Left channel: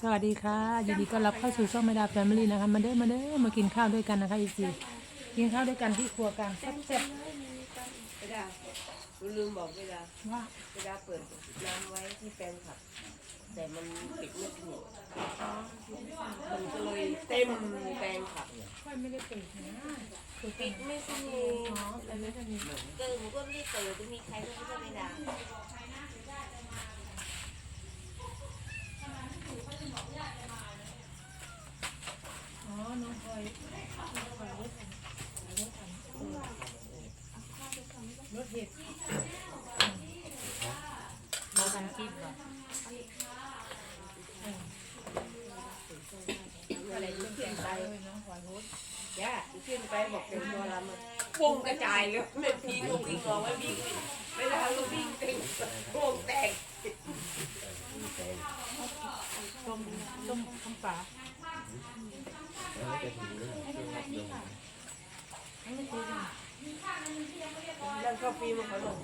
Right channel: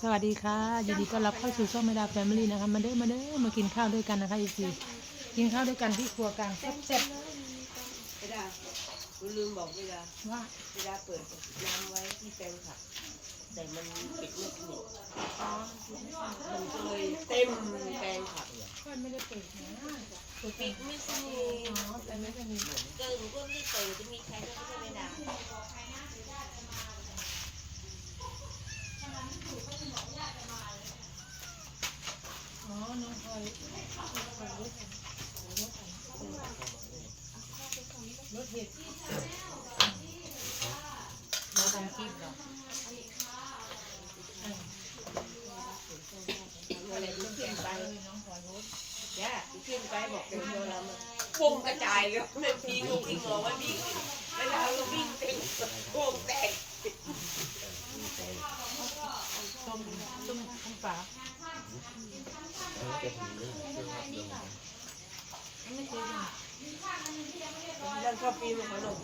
สวัสดีค่ะยินดีต้อนรับเข้าสู่ช่องเมดาแฟมิลี่นะคะมาเด้อมาเด้อมากินข้าวด้วยกันนะคะอีซีกินข้าวด้วยกันที่ครัวกลางแซ่บเวลาลืมบอกเวลาๆว่าเวลาเปิดน้ำไว้ที่แปลงผักแต่มันปิดไม่สนิทมันก็เลยเต็มแปลงผักค่อยไม่ได้เปิดนะปิดไม่สนิทอ๋อแต่ไม่ได้มีเกิดมันก็รีบเปิดจะมีใครก็ไม่ใช่เวลา เห็ดเราทำคลิปเหรออะไรลุกขึ้นไปน้องพลอยรถย่าลุกขึ้นไปบอกเต็มตัวลำอะวงกระจายเลยไม่พีงก็วิ่งออกไม่วิ่งเวลาเราวิ่งเต็มวงแตกต้มต้มต้มปลา ไม่เคยกินนั่นก็ปีมาขอหน่อย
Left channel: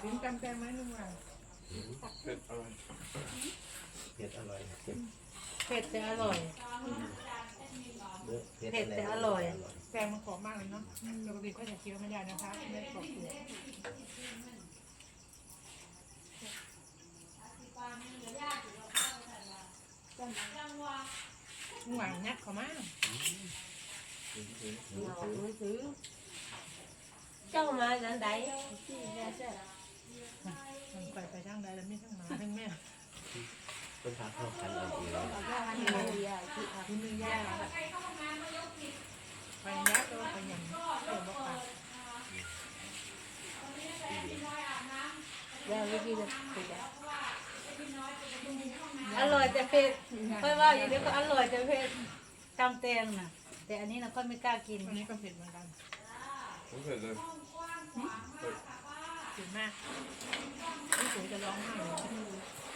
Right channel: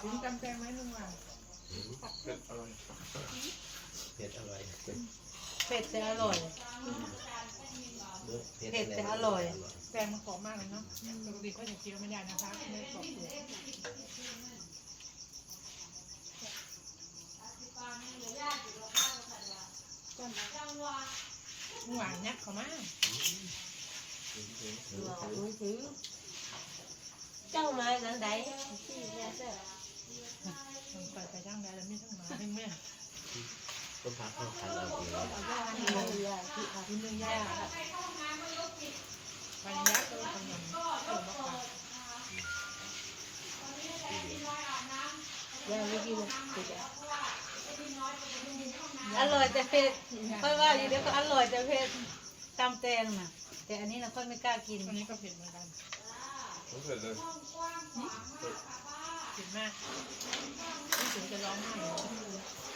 ถึงจำแจงไหมลุงว่าเผ็ดอร่อยเผ็ดอร่อยเผ็ดแต่อร่อยเผ็ดแต่อร่อยแกงมันกรอบมากเลยเนาะปกติก็จะเคี้ยวไม่ได้นะคะไม่กรอบเปลือก หวานยักษ์เขามากเรามือถือเจ้ามานั้นใดที่แม่เจ้ามันไปไปทั้งใดแล้วไม่ทั้งหมาทั้งแม่ต้มผักข้าวคันเอาเองเอาย่าที่มือยาที่ที่มือยากไปยักษ์ก็ไปยำเกี่ยวบอกปากยาไม่กินนะติดยา อร่อยแต่เผ็ดค่อยว่าอยู่เดี๋ยวก็อร่อยแต่เผ็ดตำแตงน่ะ แต่อันนี้เราค่อยไม่กล้ากิน อันนี้ก็เผ็ดเหมือนกันผมเผ็ดเลยเผ็ดมากพี่สวยจะร้องไห้เหรอ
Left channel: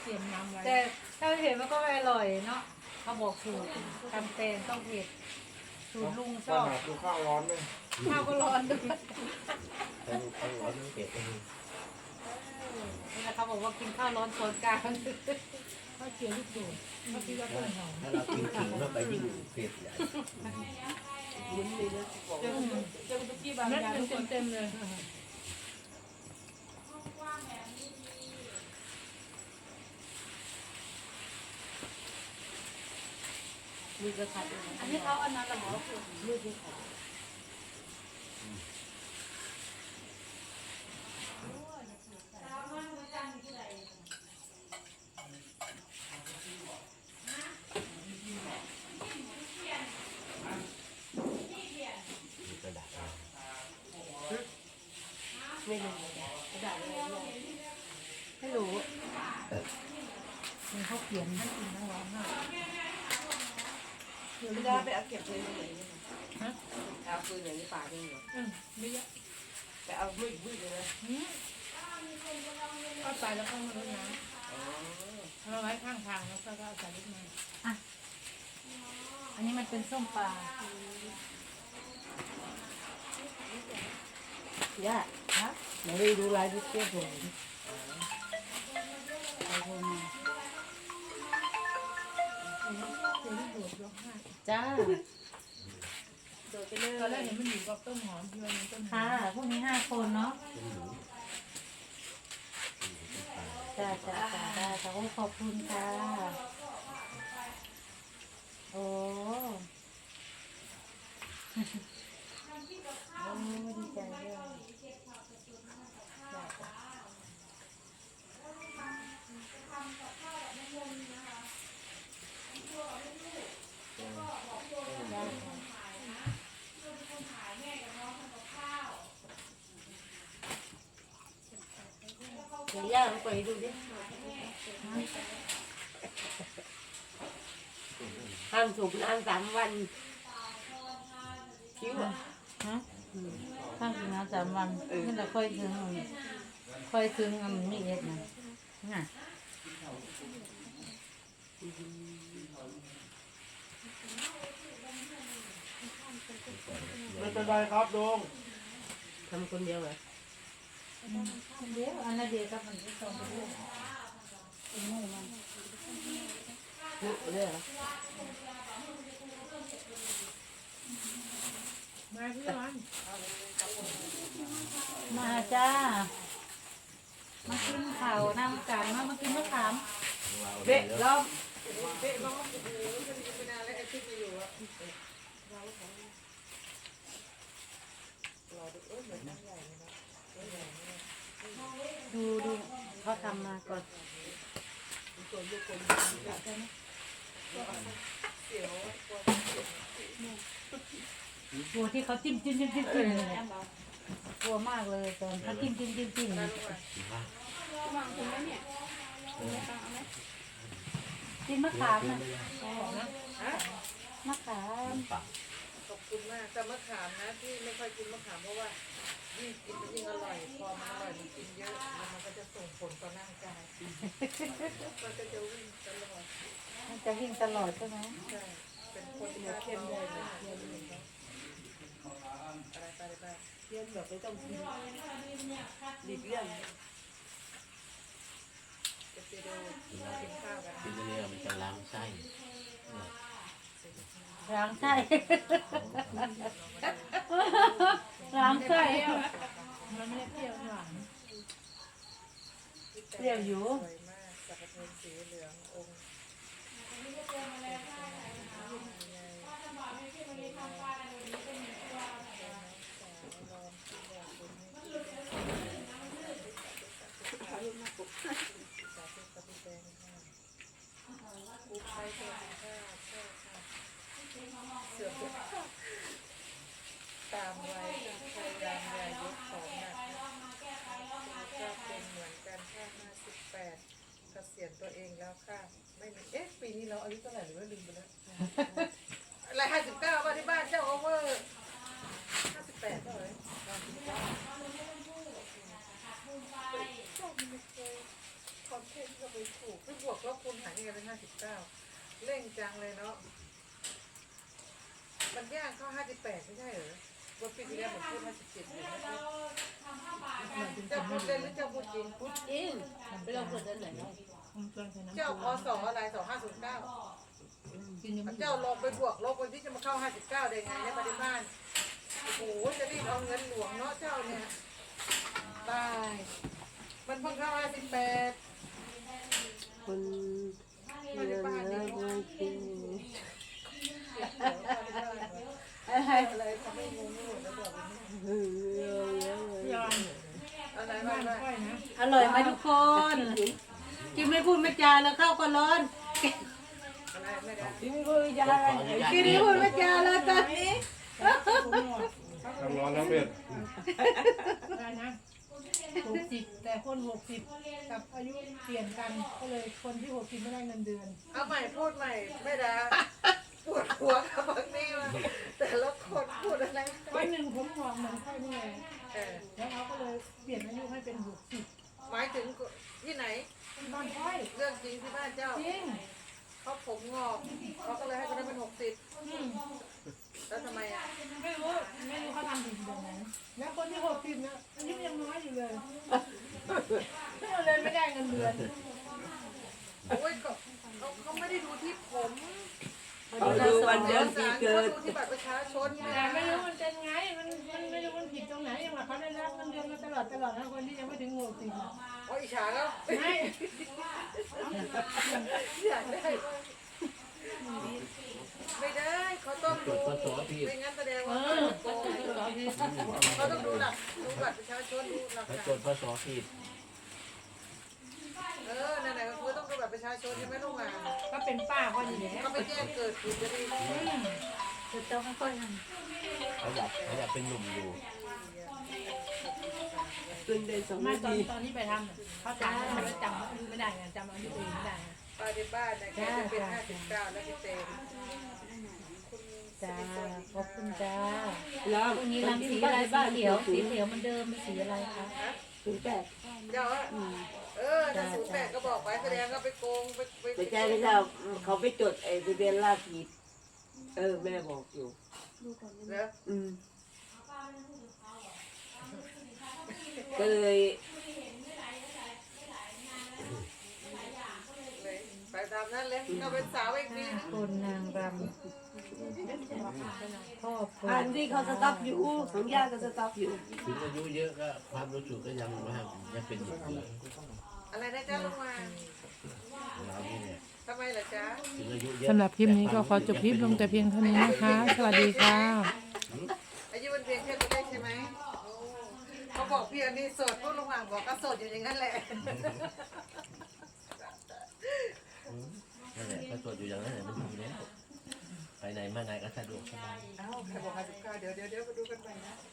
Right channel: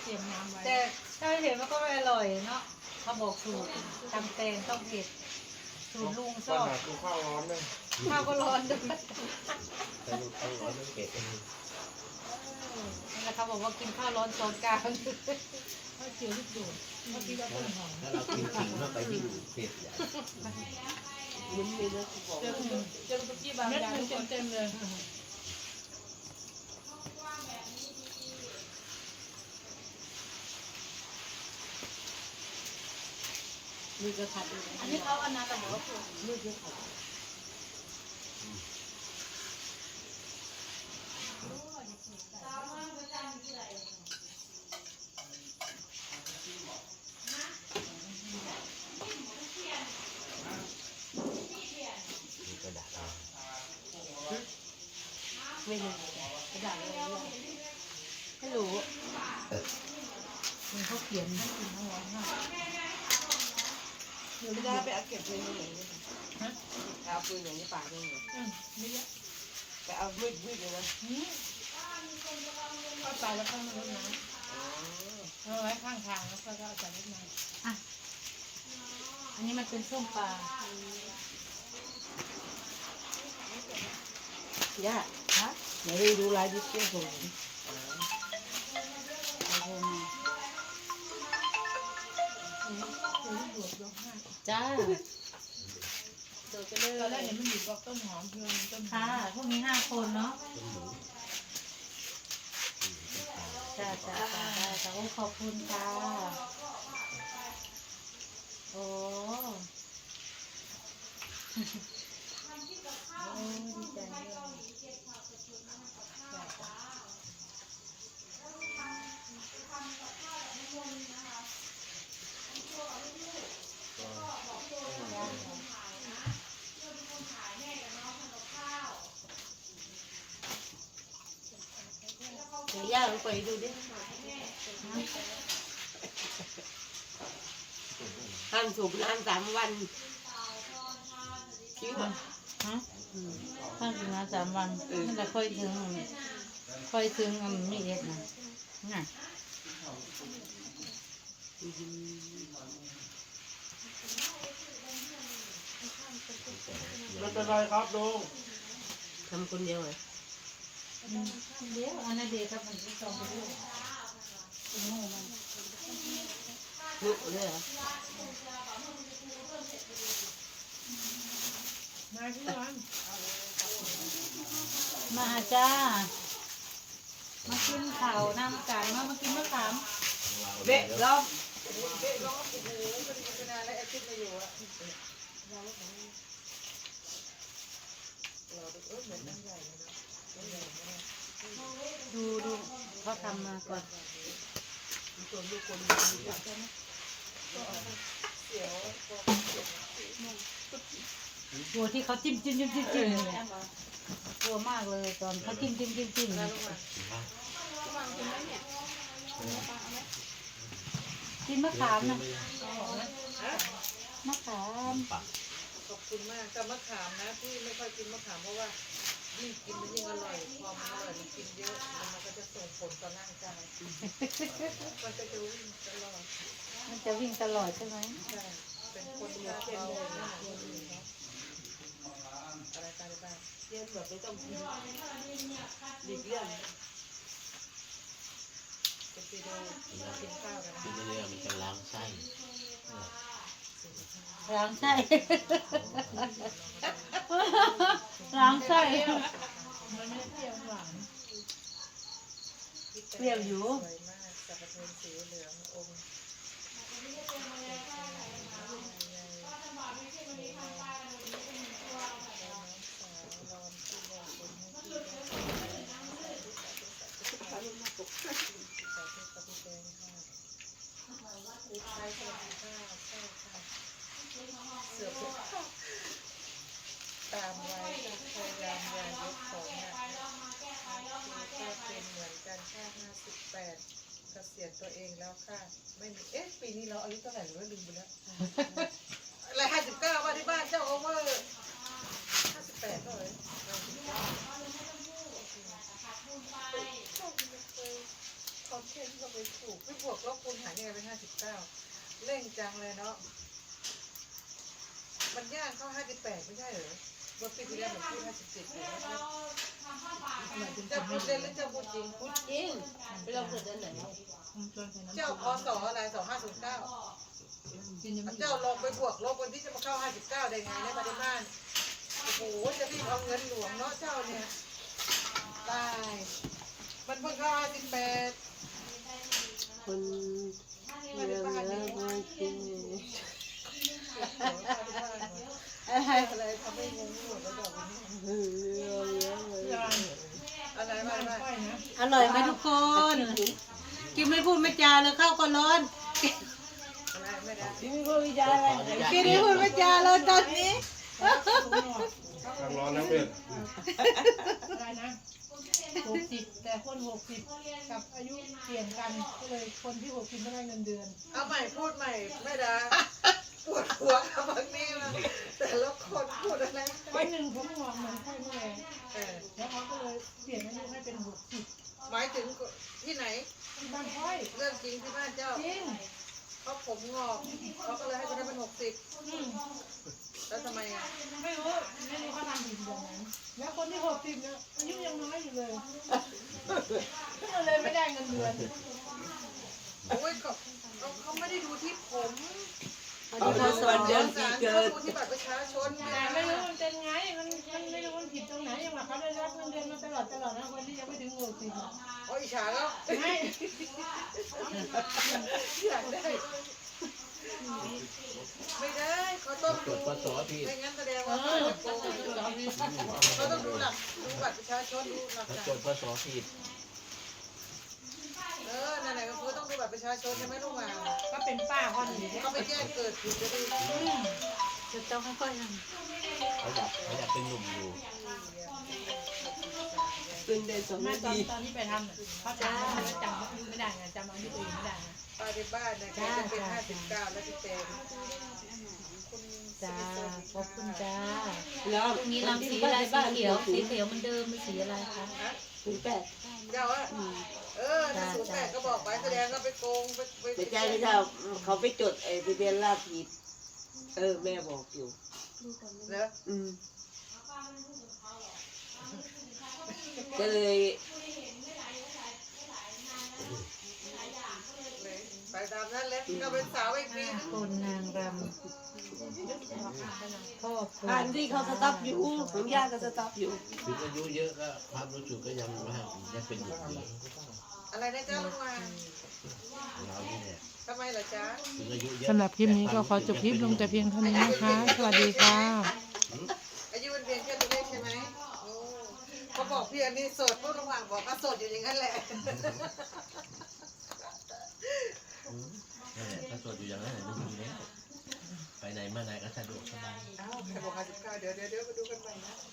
เตรียมน้ำไว้แต่ถ้าไม่เผ็ดมันก็ไม่อร่อยเนาะเขาบอกสูตรตำแตงต้องเผ็ดสูตรลุงชปัญอบหาคือข้าวร้อนไหมข้าวก็ร้อนด้วยทั้งทั้งร้อนทั้งเผ็ดนี่เขาบอกว่ากินข้าวร้อนช้อนกลาง ข้าวเจียวลูกโดดเขาคิดว่าต้นหอมถ้าเรากินขิงเข้าไปยิ่งเผ็ดใหญ่มุนเลยนะบอกเจ้าเจ้าตุ๊กกี้บางอย่างเต็มเต็มๆเลยมีกระขัดด้วยอันนี้เขาเอาน้ำกับหมอคือมือที่ขัด มีกระดาษเอา ไม่รู้กระดาษอะไรเนี่ยไม่รู้มันเขาเขียนทั้งกินทั้งร้องไห้เดี๋ยวไม่ได้ไปเอาเก็บเงินตรงไหนเนี่ยฮะเอาปืนไหนในป่าเนี่ยเหรออืมไม่เยอะไปเอามีดมีดเลยนะก็ไปแล้วค่อยมารดน้ำเอาไว้ข้างทางแล้วก็เอาใส่รถมาอันนี้มันเป็นส้มปลาย่าฮะ เดี๋ยวได้ดูลายดิเตี้ยผมเอาโทรมาเจียวลูกโดดร้องไห้จ้าโดดไปเลยตอนแรกเห็นมันอยู่กับต้นหอมที่มันเป็นต้นหอค่ะมพวกนี้ห้าคนเนาะต้าจ้าจ้าจ้าได้ค่ะโอ้ขอบคุณค่ะ โอ้โอ้ดีใจเลย เดี๋ยวย่าไปดูดิห้ามสูบน้ำสามวันคิ้วอะฮะข้างกินน้ำสามวันมันจะค่อยถึงค่อยถึงอันมีเอ็ดนะน่ะไม่เป็นไรครับลุงทำคนเดียวเหรอ เดี๋ยวอันนั้นเดี๋ยวครับมันจะส่งไปด้วยเป็นโม่มาลุกเลยเหรอมาพี่ร้อนมาจ้า มากินข้าวน้ำกันมามากินมะขามเด็กล้อมดูดูเขา ทำมาก่อนกลัวที่เขาจิ้มจิ้มจิ้มจิ้มจิ้มเนี่ยกลัวมากเลยตอนเขาจิ้มจิ้มจิ้มจิ้มเนี่ยกินมะขามนะมะขาม ขอบคุณมากแต่มะขามนะที่ไม่ค่อยกินมะขามเพราะว่า ยิ่งกินมันยิ่งอร่อย พอมันอร่อยมันกินเยอะแล้วมันก็จะส่งผลต่อร่างกายมันก็จะวิ่งตลอดมันจะวิ่งตลอดใช่ไหมใช่เป็นคนที่เข้มเลยนะอะไรไปอะไรไปเย็นแบบไม่ต้องกินหลีกเลี่ยงจะไปดูกินข้าวกันนะกินเรื่องมันจะล้างไส้ ล้างไส้ล้างไส้มันไม่ได้เปรี้ยวหวาน เปรี้ยวอยู่สวยมากสักกระเทนสีเหลืององค์เสือเสือตามไว้พยายามอย่ายกของหนักคือก็เป็นเหมือนกันค่าห้า สิบแปดเกษียณตัวเองแล้วค่ะ ไม่มีเอ๊ะปีนี้เราอายุเท่าไหร่หรือว่าลืมไปแล้ว อะไรห้าสิบเก้าว่าที่บ้านเจ้าโอเวอร์ห้าสิบแปดเท่าไหร่ห้าสิบเก้าชอบไม่เคยคอมเทนต์ก็ไปถูกไม่บวกลบคูณหารยังไงเป็นห้าสิบเก้าเร่งจังเลยเนาะมันยางเข้าห้าสิบแปดไม่ใช่เหรอ ว่าปีที่แล้วมันพูดห้าสิบเจ็ดอยู่นะเจ้าพูดเล่นหรือเจ้าพูดจริงพูดจริงไปลองเกิดเดือนไหนแล้วผมชวนใส่น้ำเจ้าพศอะไรสองห้าศูนย์เก้าเจ้าลองไปบวกลบคนที่จะมาเข้าห้าสิบเก้าได้ไงในปริมาณโอ้โหจะรีบเอาเงินหลวงเนาะเจ้าเนี่ยตายมันเพิ่งเข้าห้าสิบแปดคนมาในบ้านนี่กินอะไร อะไรทำให้งงหมดแล้วบอกอนอะไรบ้านอะไรค่อยนะอร่อยไหมทุกคนกินไม่พูดไม่จาเลยข้าวก็ร้อนอะไรไม่ได้ที่ไม่จาขออนุญาตกินไม่พูดไม่จาเลยตอนนี้ทั้งร้อนทั้งเผ็ดอะไรนะหกสิบแต่คนหกสิบกับอายุเปลี่ยนกันก็เลยคนที่หกสิบไม่ได้เงินเดือน เอาใหม่พูดใหม่ไม่ได้ อยเรื่องจริงที่บ้านเจ้าจริงเขาผมงอกเขาก็เลยให้คนนั้นเป็นหกสิบอืมแล้วทำไมอะไม่รู้ไม่รู้เขาทำผิดแบบไหนแล้วคนที่หกสิบเนี่ยอายุยังน้อยอยู่เลยก็เลยไม่ได้เงินเดือนโอ้ยเขาเขาเขาไม่ได้ดูที่ผมดูวันเดือนปีศาลเกิเขาดดูที่บัตรประชาชนไม่แต่ได้ไม่รู้มันเป็นไงมันมันไม่รู้มันผิดตรงไหนยังว่าเขาได้รับเงินเดือนมาตลอดตลอดนะคนที่ยังไม่ถึงหกสิบอะโอ้ยอิจฉาแล้วไม่ อยากได้ไม่ได้เขาต้องดูไม่งั้นแสดง เอ ว่า อเขาจะไปสอนพี่ เขาต้องดูหลักดู บัตรประชาชนดูหลักถ้าฐาจนดพศผิดเออนั่นแหละก็คือต้องดูบัตรประชาชนใช่ไหมลูกหมาก็เป็นป้าเขาดีแหละเขาไปแจ้งเกิดผิดจะดีจะต้องค่อยๆทเขาอยากเขาอยากเป็นหนุ่มอยู่ ขึ้นได้สองไม่นาตอนทีตอนที่ไปทำน่ะเขาถามว่าจำอายุไม่ได้ไงจำอายุตัวเองไม่ได้ไงป้าที่บ้านเนี่ยแกจะเป็นห้าสิบเก้าแล้วพี่เต้คุณำจ้าขอบคุณจ้าล้อพรุ่งนี้ลำสีอะไรสีเขียวสีเขียวเหมันเดิมเป็นสีอะไรคะถึงแปดเจ้าอะเออถ้าศูนย์แปดก็บอกไปแสดงก็ไปโกงไปไปไม่ใช่ไม่ใช่เขาไปจดไอ้ทะเบียนราษฎร์ผิดเออแม่บอกอยู่แล้วอืม ก็เลยเลยไปตามนั้นเลยก็เป็นสาวอีกปีนึงคุณนางรำก็คุณอันที่เขาสต็อปอยู่ผมย่าก็สต็อปอยู่ถึงอายุเยอะก็ความรู้สึกก็ยังว่ายังเป็นหนุ่มอยู่อะไรนะจ๊ะลุงวางเรานี่เนี่ยทำไมล่ะจ๊ะถึงอายุเยอะสำหรับคลิปนี้ก็ขอจบคลิปลงแต่เพียงเท่านี้นะคะ สวัสดีค่ะ บอกพี่อันนี้โสดพวกลุงวางบอกก็โสดอยู่อย่างนั้นแหละนั่นแหละถ้าตรวจอยู่อย่างนั้นแหละมันดีแล้วไปไหนมาไหนก็สะดวกสบาย เอ้าใครบอกห้าสิบเก้าเดี๋ยวเดี๋ยวเดี๋ยวมาดูกันใหม่นะ